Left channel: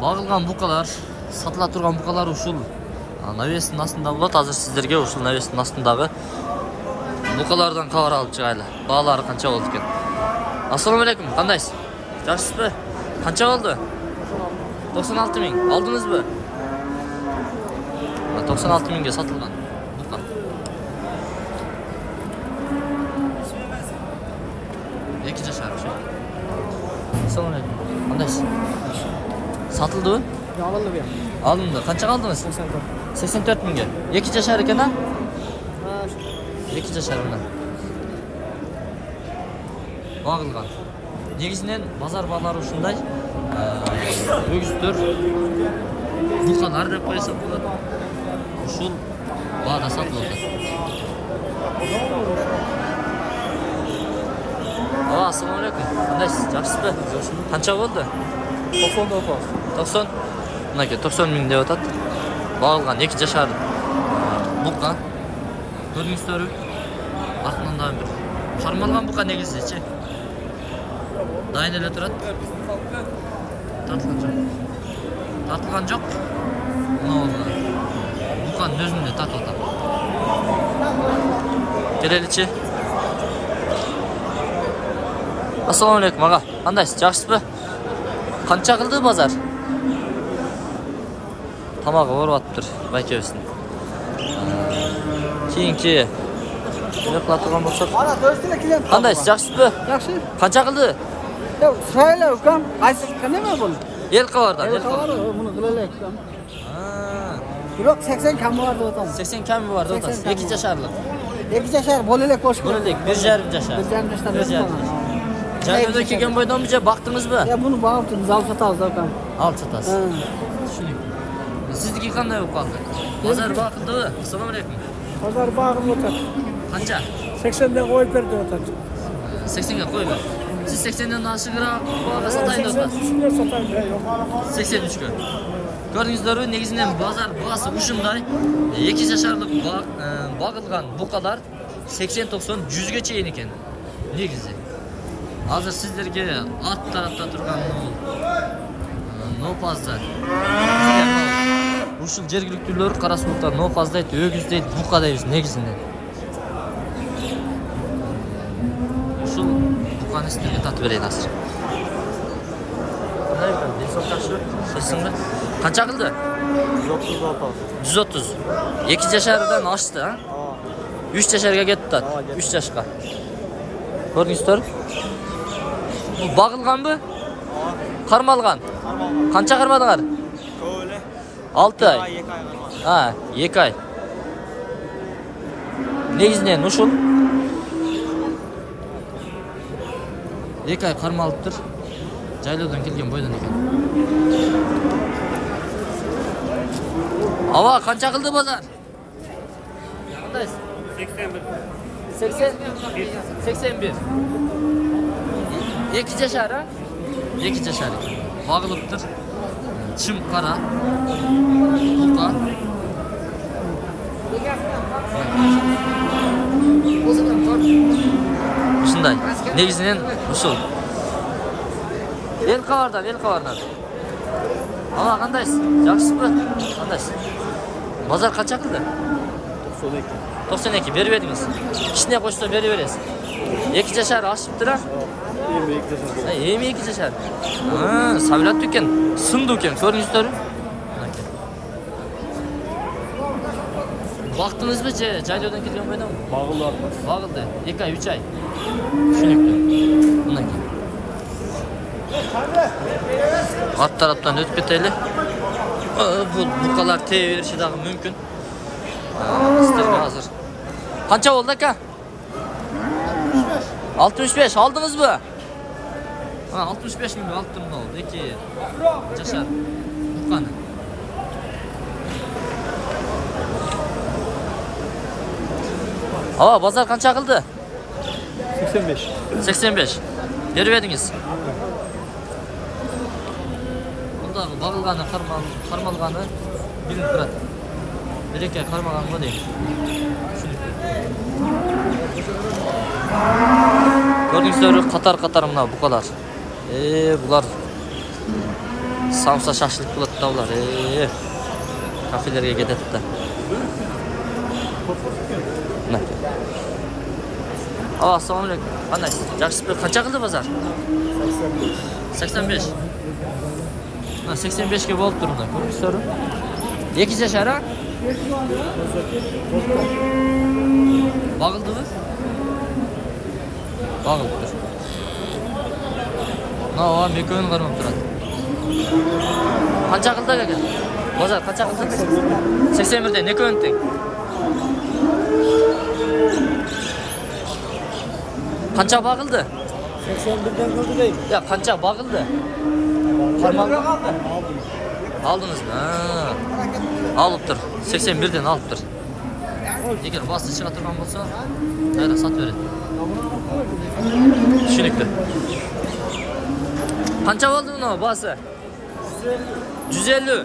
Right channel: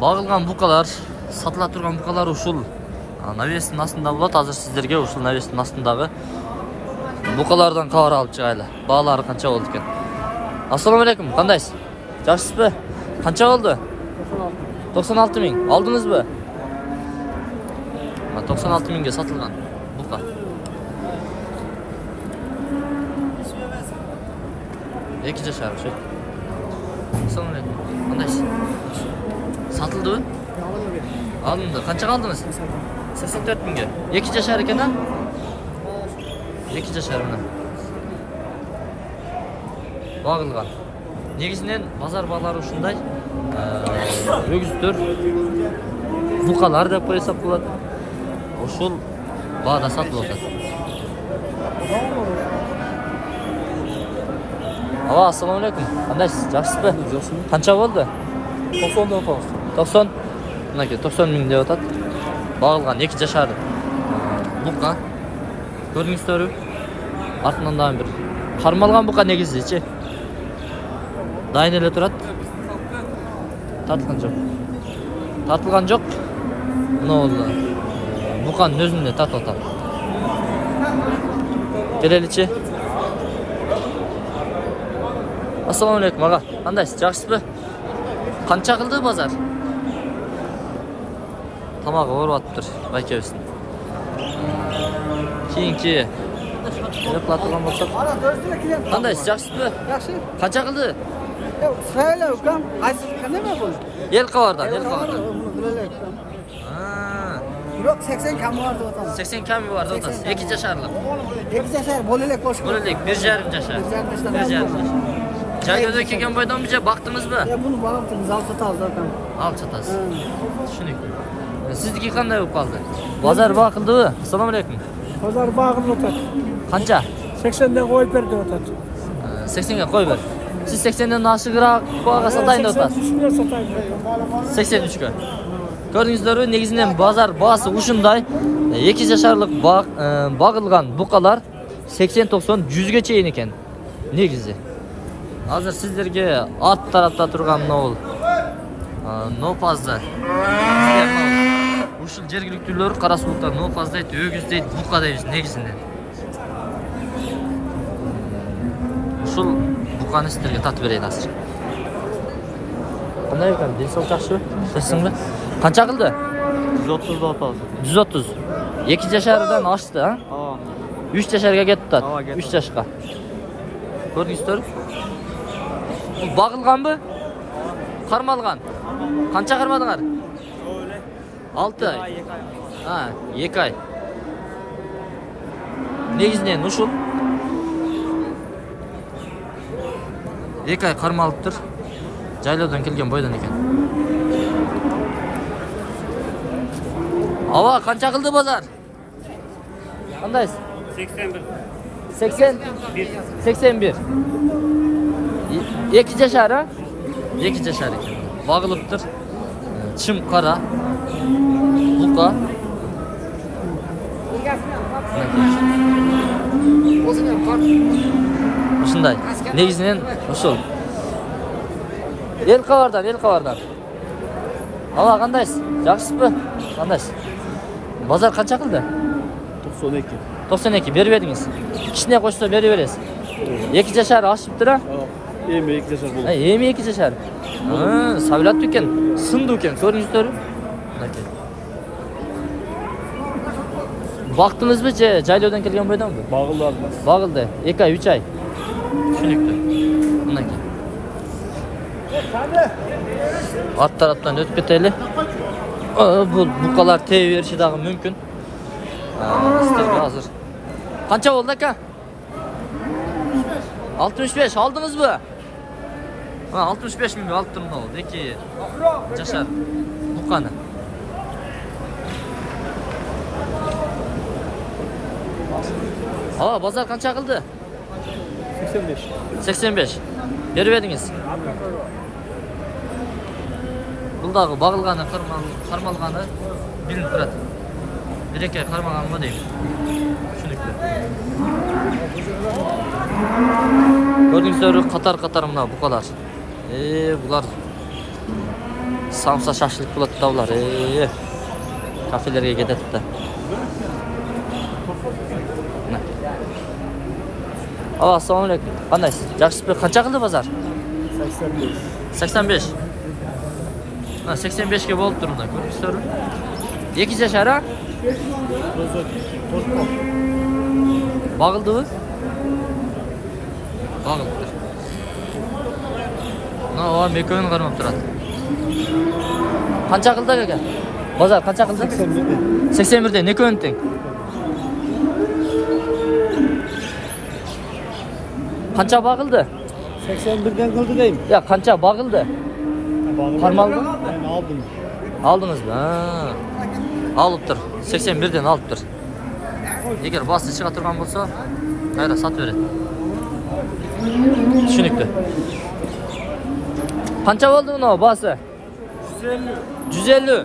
Багылган букалар, сатыла турган букалар ушул навестин астында болот. Азыр сиздерге ушул навестин астындагы букалардан кабар алып чыгайлы. Баалары канча болду экен? Ассаламу алейкум, кандайсыз? Жакшысызбы? Канча болду? 96 000. Алдыңызбы? 96 000ге сатылган бука. Эки жашар ошо. Ассаламу алейкум. Кандайсыз? Satıldı mı? Alındı. Kaça kaldınız? 84 000'ge. 2 yaşar eкен ha? 2 yaşar mı? Bağılgan. Negisinden bazar bağları ушундай өгүздөр, букалар деп коюсак болот. Ушул баада сатылып атат. Ала, ассаламу алейкум. Кандайсыз? Жакшысызбы? Канча болду? 90. Мынакей 90 000 деп атат. Багылган 2 жашар бука. Көрдүңүздөрбү? Артынан дагы бир кармалган бука негизичи. Дайын эле турат. Тартылган жок. Тартылган жок. Мына болду. Буканын өзүн эле тартып атат. Келеличи. Ассаламу алейкум ага. Кандайсыз? Жакшысызбы? Канча кылды базар? Тамагы ооруп атыптыр байкебиздин. Кийинки кыла турган болсок. Кандайсыз? Жакшысызбы? Жакшы. Канча кылды? Сайлар кан, айсыз канеме бул? Эл кабардан. Билелек. Бирок 80 камы бар деп атам. 80 камы бар деп атасыз. 2 жашарлык. 2 жашар болелек болуш керек. Болелек 1,5 жашар. 1,5 жашар. Жайда келген бойдон бизге бактыңызбы? Муну багыптыңыз, алып сатабыз акам. Алып сатасыз. Түшүнүктүү. Сиздики кандай болуп калды? Базар багылдыбы? Ассаламу алейкум. Базар багылып атат. Канча? 80де коюп бер деп атат. 80ге кой бер. Siz 80'den aşıgırak bağa satayın dostlar. 83'e. Gördüğünüzleri negizden bazar bağısı uşunday 2 yaşarlık bağılgan bukalar 80-90 100'ge çeyin eken negizi. Hazır sizlerge at tarafta turgan ne ol? No fazla. Sizler ne ol? Uşul jergiliktүүлөр Карасулукта no fazla et, өгүз дейт, бука дейт негизинен. Ушул буканы сіздерге татып берейін азыр. Кандай екен? Денсаулық жақсы? Сесің бе? Қанша қылды? 130 атады. 130. 2 жашардан ашты, а? 3 жашарға кетті ат. 3 жашқа. Көрдіңіздер? Бұл бағылған бі? Қармалған? Қанша қармадыңар? 6 ай. 2 ай. Негізінен ушул 2 ай кармалып тур. Жайлоодан келген бойдон экен. Ава, канча кылды базар? Кандайсыз? 81. 81. 2 жашар, а? 2 жашар экен. Багылып тур. Чым кара. Бука. Ушундай. Негизинен ошол. Эл кабардан. Ала кандайсыз? Жакшысызбы? Кандайсыз? Базар канча кылды? 92. 92 берип едиңиз. Кичине койсо бере бересиз. 2 жашар ашыптыр а? Эми 2 жашар. Эми 2 жашар. Сабилаттуу экен, сындуу экен, көрүңүздөрбү? Мынакей. Бактыңызбы же жайлоодан келген бойдонбу? Багылды. 2 ай, 3 ай. Түшүнүктүү. Мынакей. Ат тараптан өтүп кетели. Бул букалар тебе бериши дагы мүмкүн. Сиздерге азыр. Канча болду ака? 65. Алдыңызбы? 65 000 алып турмун болду. 2 жашар буканы. Ала, базар канча кылды? 85. 85. Берип едиңиз. Бундагы багылганы, кармалганы билинип турат. Береке кармаганго дейм. Түшүнүктүү. Көрдүңүздөрбү, катар-катар мына букалар. Булар Samsa şaşlık bo'ladi da ular. Kafelerga ketadi da. Assalomu alaykum. Qandaysiz? Yaxshisiz? Qancha qildi bozor? 85. 85 ga bo'lib turdi. Ko'rsizlar. 2 yashar ha? Bağıldınız? Bağıldı. Ne var? Mekoyun qarmab turadi. Qancha qildi aka? Bozor qancha qildi? 81 da ne ko'nti? 'Qancha bağıldı? 81 dan qildi deyim. Ya qancha bağıldı? Qarmaldı? Aldınız mı? Alıp tur. 81 dan alıp tur. Eğer bastı çığa turgan bolsa, hayra sat veredi. Tushunukli. Qancha bo'ldi buni bası? 150.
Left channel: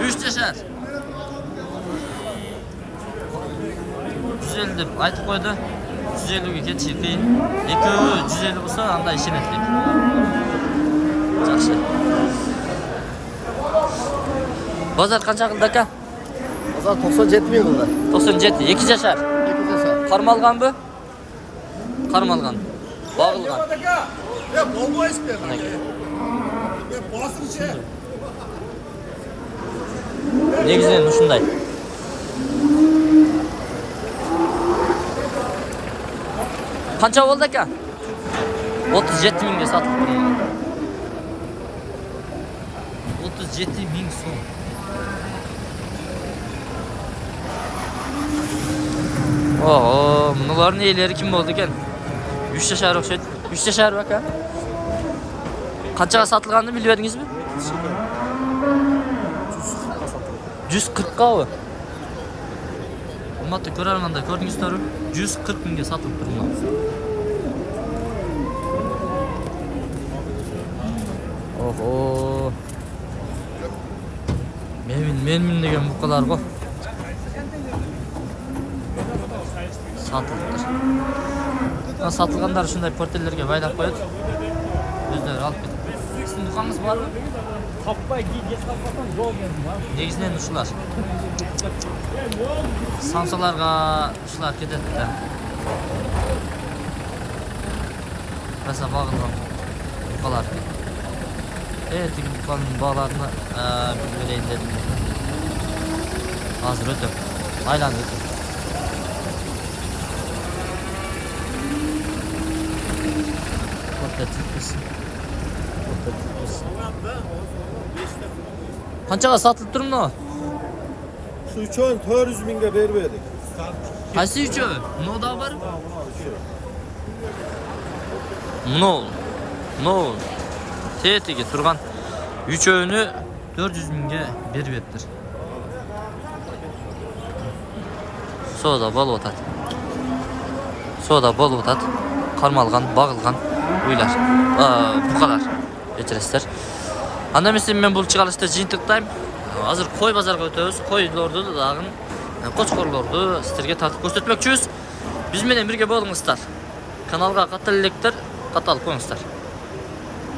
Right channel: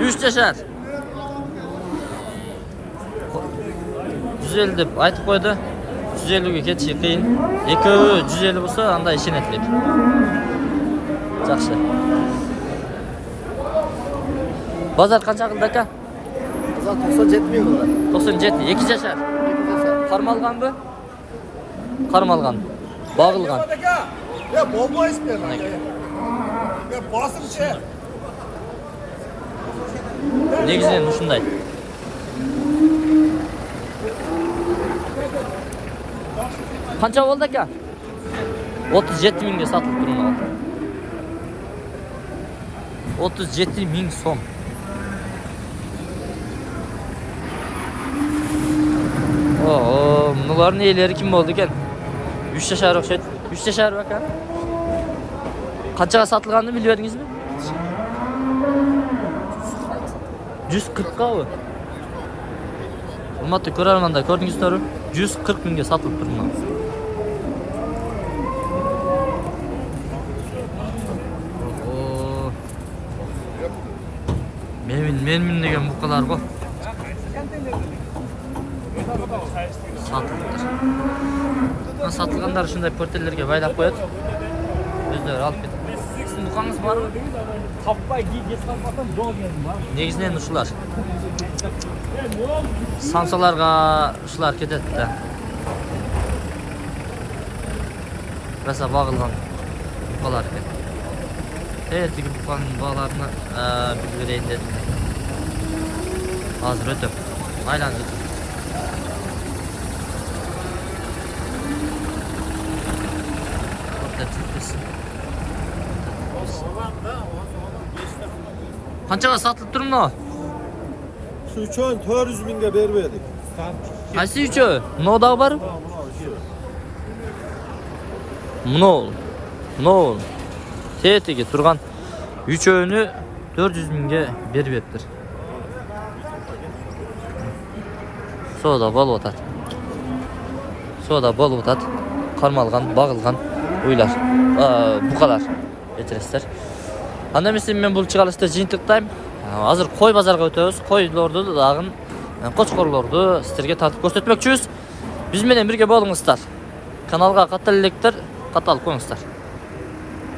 3 yashar. 150 deb aytib qo'ydi. 150 ga ketishi qiyin. 250 bo'lsa, anda ishonatli. Yaxshi. Bozor qancha qildi aka? 97 ming bo'ldi. 97, 2 yashar. Qarmalgan bu? Qarmalgan. Bağılgan. Ya bo'lmaysiz bu. Mana aka. Ya bosqichi. Negizden shunday. Qancha bo'ldi aka? 37 mingga sotilib turibdi. 37 ming so'm. Bularning eleri kim bo'ldi ekan? 3 yashar o'xshaydi. 3 yashar aka. Qanchaga sotilganini bilib edingizmi? 140 ga. Hurmatli ko'rarmanda ko'rdingizlar, 140 mingga sotilib turibdi. Men degan buqalar bu. Satıldı. Satılganlar shunday portellerga baylab qo'yadi. O'zlari olib ketadi. Sizning buqangiz bormi? Negizden shular. Samsalarga shular ketadi-da. Rasa bağılgan buqalar ekan. Tigi buqaning bağlarini bilib bereyin dedim. Hozir o'tib. Aylanib o'tib. Qanchaga satılib turibdi? Şu üçün 400 mingga berib edik. Qaysi uchi? Bunodagi bor? Bunu. Tetiga turgan uchovini 400 mingga berib etdir. Soda bo'lib o'tadi. Qarmalgan, bağılgan uylar. Buqalar. Kechirasizlar. Anda men bu chiqarishda jiyintiqdayım. Hozir qo'y bozorga o'tamiz. Qo'ylarni, dag'in qo'chqorlarni sizlarga tartib ko'rsatmoqchimiz. Biz bilan birga bo'lingizlar. Kanalga qatallikdir, qatal qo'yingizlar.